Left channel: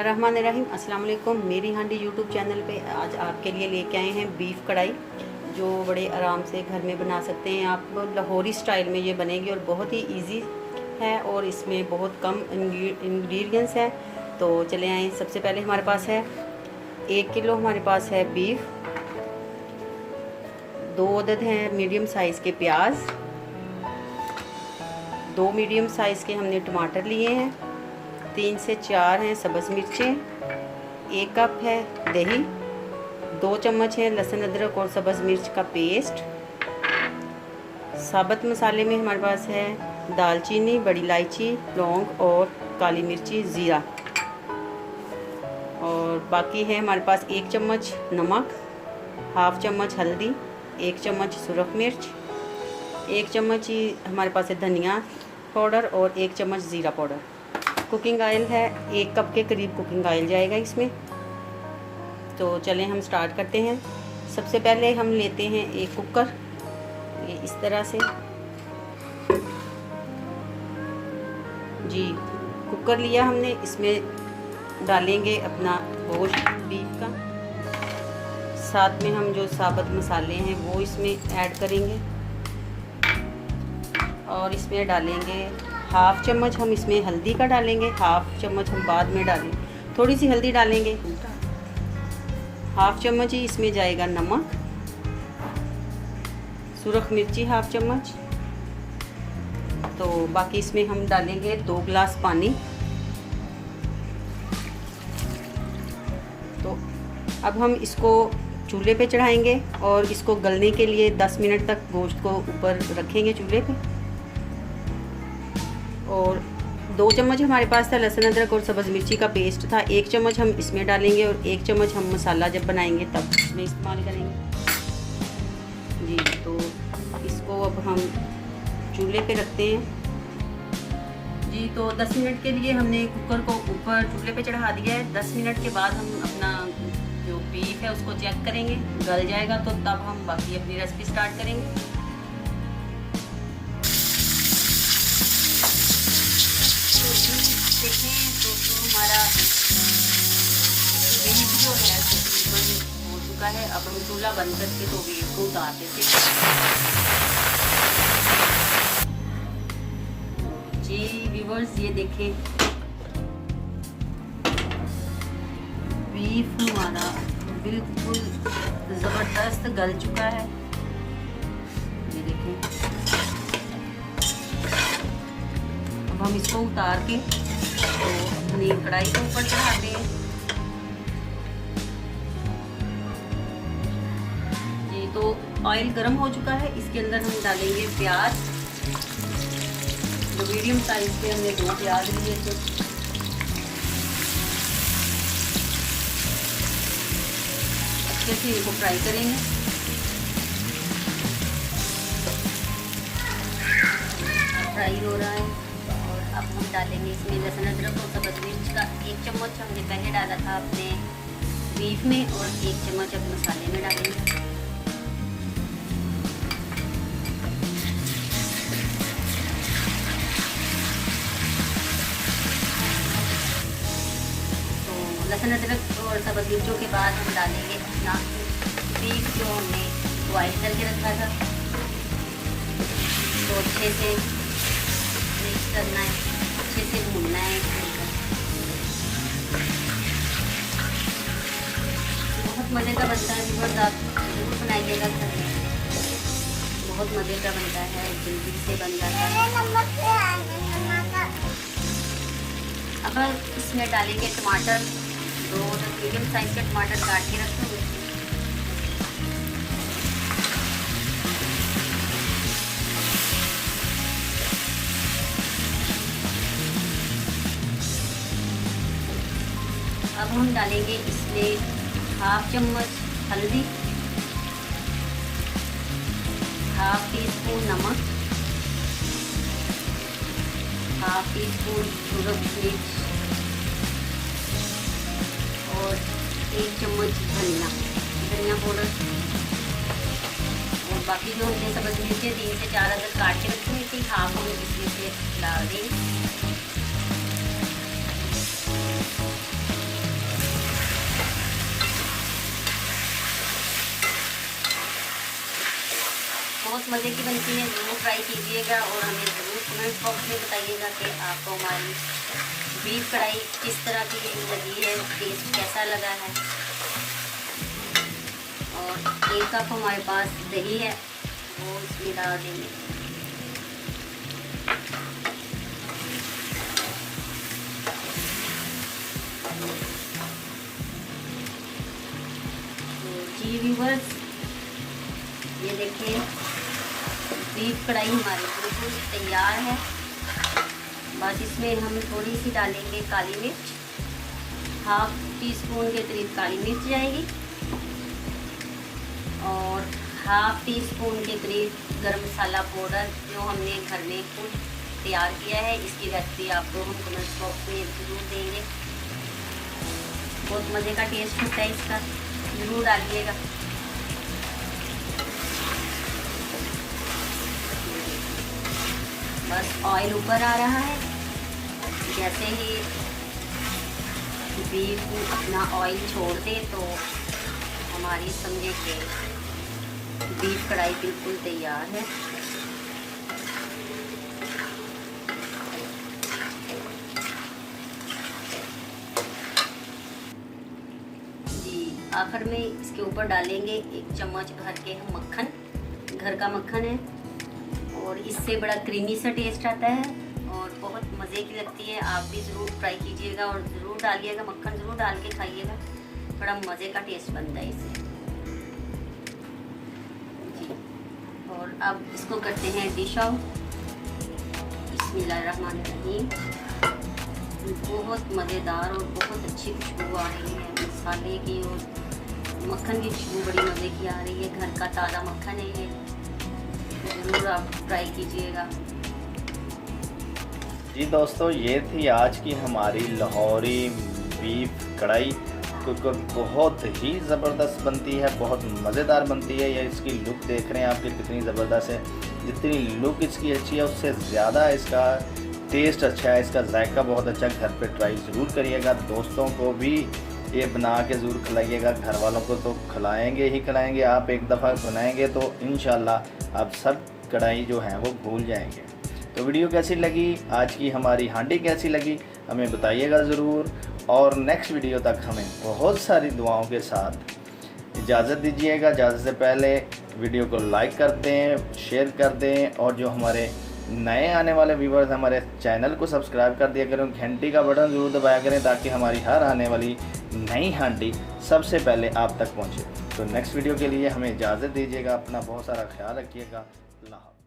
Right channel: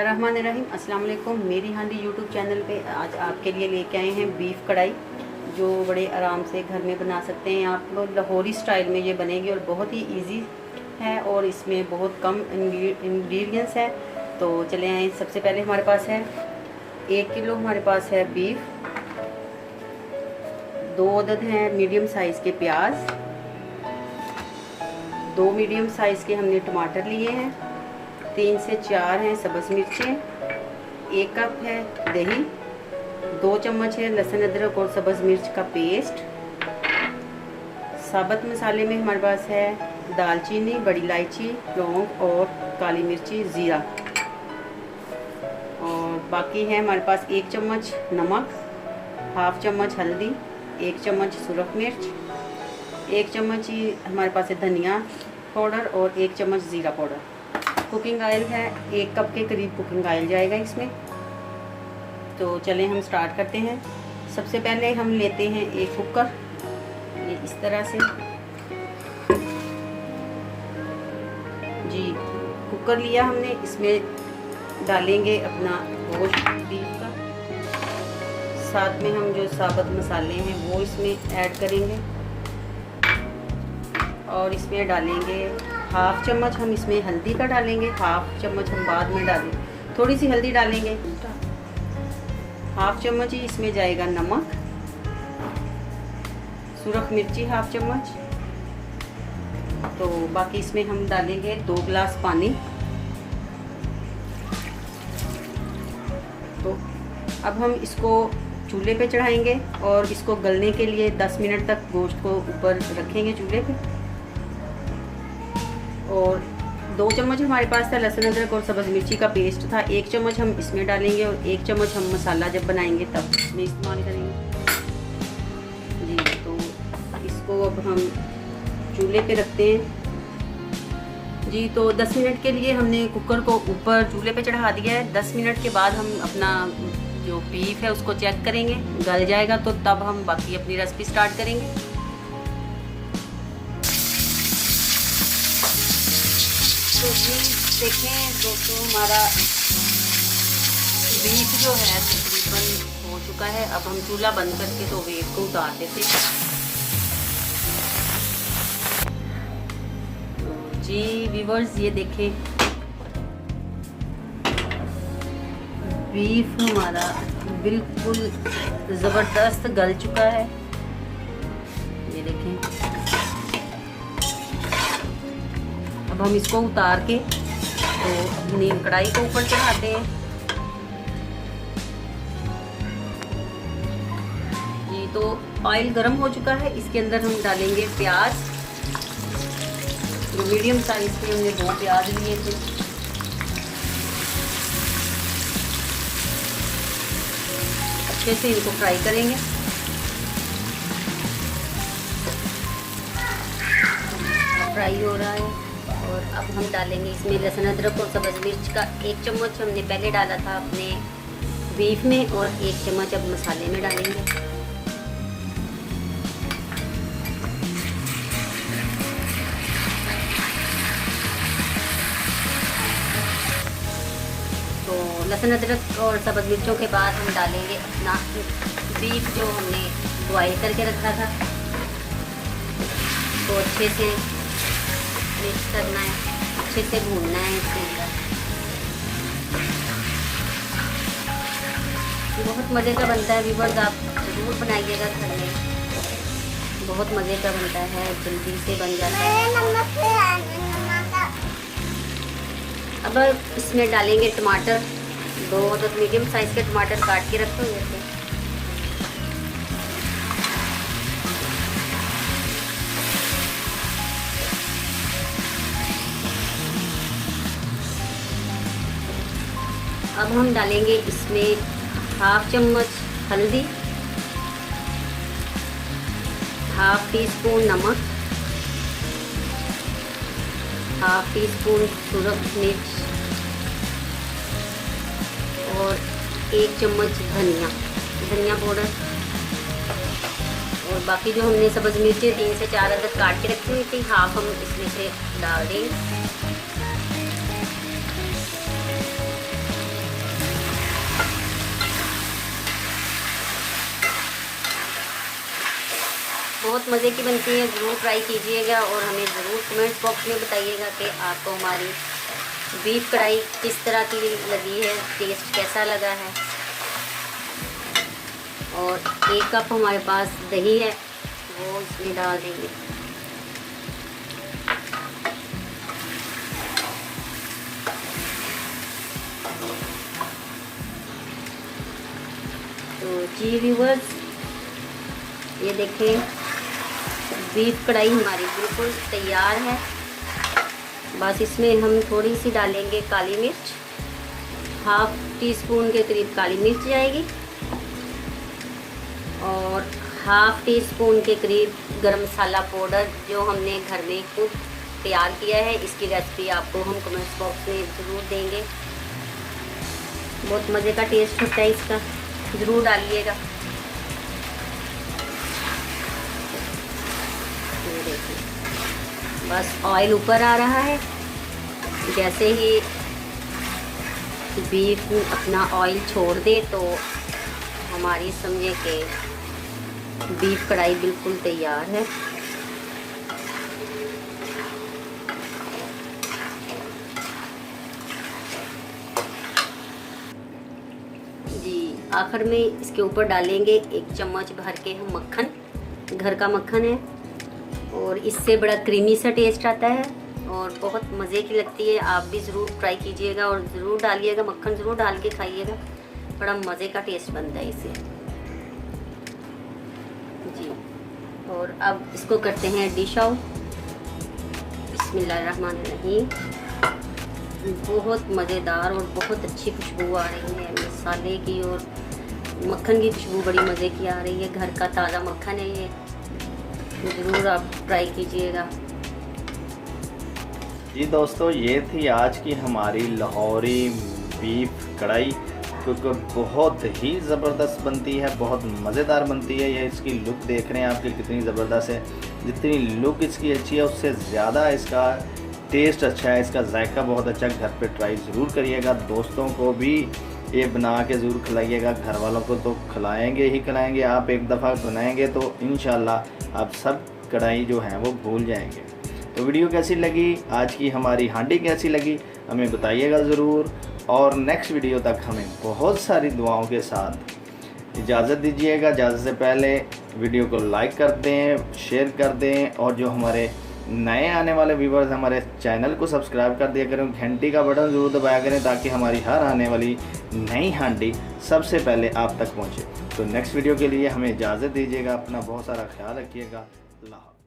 बिस्मिल्लाहिर्रहमानिर्रहीम। अस्सलाम वालेकुम। मेरी हांडी यूट्यूब चैनल पे आज आपके लिए लेके आए हैं बीफ कढ़ाई, जो बड़े आराम से घर में बना सकते हैं आप। लाहौरी स्टाइल में ये बनेगी और बहुत ही इजी है और इसमें बहुत कम इंग्रेडिएंट्स है। तो चले आए। सबसे पहले हमारे पास है 1 किलो हमारे पास है बीफ, 2 अदद हैं मीडियम साइज़ के प्याज, 2 मीडियम साइज़ के हमने टमाटर लिए हैं, 3 से 4 हैं सब्ज़ मिर्चें, 1 कप है दही, 2 चम्मच है लहसुन अदरक और सब्ज़ मिर्च का पेस्ट। साबुत मसाले में हमारे पास है दालचीनी, बड़ी इलायची, लौंग और काली मिर्ची, ज़ीरा। और बाकी है हमारे पास 1 चम्मच नमक, हाफ चम्मच हल्दी, 1 चम्मच सुरख मिर्च, 1 चम्मच ही हमारे पास है धनिया पाउडर और 1 चम्मच ज़ीरा पाउडर। कुकिंग ऑयल है 1 कप के करीब कुकिंग ऑयल जाएगा इसमें। तो चलें हम स्टार्ट करते हैं। सबसे पहले हम लेते हैं एक कुकर, ये इस तरह से जी कुकर लिया हमने। इसमें डालेंगे अपना गोश्त बीफ का, साथ में हम जो साबुत मसाले हैं वो इसमें ऐड करेंगे और इसमें डालेंगे हाफ चम्मच हम इसमें हल्दी का डालेंगे, हाफ चम्मच हम बाद में डालें, थोड़ी सी हल्दी डालेंगे, हाफ चम्मच ही इसमें जाएगा नमक, सुरख मिर्ची हाफ चम्मच। तो बाकी इसमें हम डालेंगे 2 गिलास पानी। तो अब हम इसको चूल्हे पे चढ़ाएंगे और इसको गलने के लिए 10 मिनट तक गोश्त को ऊपर रखेंगे चूल्हे पे। और 2 चम्मच हमारे पास था लहसुन अदरक और सब्ज़ मिर्ची का पेस्ट था, 1 चम्मच हम इसमें डालेंगे और 1 चम्मच हम मसाला जब बनाएंगे तब इसमें इस्तेमाल करेंगे जी। तो इसको अब हम चूल्हे पे रखते हैं जी। तो 10 मिनट के लिए हमने कुकर को ऊपर चूल्हे पे चढ़ा दिया है। 10 मिनट के बाद हम अपना जो बीफ है उसको चेक करेंगे, गल जाएगा तो तब हम बाकी अपनी रेसिपी स्टार्ट करेंगे। तो देखें दोस्तों, हमारा बीफ जो है हो चुका है। अब हम चूल्हा बंद करके तो वेट को उतार देते हैं जी। व्यूअर्स ये देखें, बीफ हमारा बिल्कुल ज़बरदस्त गल चुका है, ये देखें। अब हम इसको उतार के तो अपनी कढ़ाई को ऊपर चढ़ाते हैं जी। तो ऑयल गर्म हो चुका है, इसके अंदर हम डालेंगे प्याज। मीडियम साइज के हमने 2 प्याज लिए थे। अच्छे से इनको फ्राई करेंगे। फ्राई हो रहा है और अब हम डालेंगे इसमें लहसुन अदरक और सब्ज़ मिर्च का 1 चम्मच हमने पहले डाला था अपने बीफ में और 1 चम्मच अब मसाले में डालेंगे। लहसुन अदरक और सब्ज़ मिर्चों के बाद हम डालेंगे अपना बीफ जो हमने बॉयल करके रखा था। तो अच्छे से मिक्स करना है, अच्छे से भूनना है इसको। बहुत मज़े का बनता है बीफ, आप जरूर बनाइएगा घर में, बहुत मज़े का बनता है, जल्दी से बन जाता है। अब इसमें डालेंगे टमाटर, 2 मीडियम साइज के टमाटर काट के रखे हुए थे। अब हम डालेंगे इसमें हाफ चम्मच हल्दी, हाफ टी स्पून नमक, हाफ टी स्पून सुरख मिर्च और 1 चम्मच धनिया पाउडर। और बाकी जो हमने सब्ज़ मिर्चें 3 से 4 अदद काट के रखी हुई थी, हाफ हम इसमें से डाल देंगे। बहुत मज़े की बनती है, ज़रूर ट्राई कीजिएगा और हमें ज़रूर कमेंट बॉक्स में बताइएगा कि आपको हमारी बीफ कढ़ाई किस तरह की लगी है, टेस्ट कैसा लगा है। और 1 कप हमारे पास दही है, वो इसमें डाल देंगे। तो जी व्यूअर्स, ये देखिए बीफ कढ़ाई हमारी बिल्कुल तैयार है। बस इसमें हम थोड़ी सी डालेंगे काली मिर्च, 1/2 टीस्पून के करीब काली मिर्च जाएगी और 1/2 टीस्पून के करीब गरम मसाला पाउडर जो हमने घर में खुद तैयार किया है। इसकी रेसिपी आपको हम कमेंट बॉक्स में ज़रूर देंगे। बहुत मज़े का टेस्ट होता है इसका, ज़रूर डालिएगा। बस ऑयल ऊपर आ रहा है, जैसे ही बीफ अपना ऑयल छोड़ दे तो हमारी समझे कि बीफ कढ़ाई बिल्कुल तैयार है। जी आखिर में इसके ऊपर डालेंगे 1 चम्मच भर के हम मक्खन, घर का मक्खन है और इससे बड़ा क्रीमी सा टेस्ट आता है और बहुत मज़े की लगती है। आप भी ज़रूर ट्राई कीजिएगा और ज़रूर डालिएगा, मक्खन ज़रूर डाल के खाइएगा, बड़ा मज़े का टेस्ट बनता है इससे जी। और अब इसको करते हैं डिश आउट। बिस्मिल्लाहिर्रहमानिर्रहीम। बहुत मज़ेदार और बहुत अच्छी खुशबू आ रही है मसाले की और मक्खन की खुशबू बड़ी मज़े की आ रही है। घर का ताज़ा मक्खन है ये, ज़रूर आप ट्राई कीजिएगा। जी दोस्तों, ये थी आज की हमारी लाहौरी बीफ कढ़ाई, क्योंकि बहुत ही ज़बरदस्त बनती है, बहुत मज़ेदार बनती है। ये इसकी लुक देख रहे हैं आपकी कितनी ज़बरदस्त है। जितनी लुक इसकी अच्छी है उससे ज़्यादा इसका टेस्ट अच्छा है, इसका जायका बहुत अच्छा। घर पे ट्राई ज़रूर करिएगा, दोस्तों को भी ये बना के ज़रूर खिलाइएगा। घर वालों को तो खिलाएंगे ही खिलाएंगे, आप एक दफ़ा बनाएंगे तो इंशाल्लाह आप सब कढ़ाई जो है वो भूल जाएंगे। तो वीडियो कैसी लगी, आज की हमारी हांडी कैसी लगी, हमें बताइएगा ज़रूर। और नेक्स्ट वीडियो तक हमें बहुत सारी दुआओं के साथ इजाज़त दीजिएगा। इजाज़त से पहले वीडियो को लाइक कर दें, शेयर कर दें और जो हमारे नए आने वाले व्यूवर्स हमारे चैनल को सब्सक्राइब कर दिया करें, घंटी का बटन ज़रूर दबाया करें ताकि हमारी हर आने वाली नई हांडी सबसे पहले आप तक पहुंचे। तो नेक्स्ट वीडियो के लिए हमें इजाज़त दीजिएगा। अपना बहुत सारा ख्याल रखिएगा। अल्लाह।